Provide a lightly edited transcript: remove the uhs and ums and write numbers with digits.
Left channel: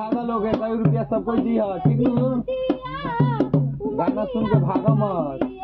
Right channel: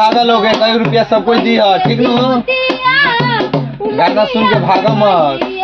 भागा लोग 1 रुपया सब कोई दी है ठीक नु गाना सुन के भागा मत।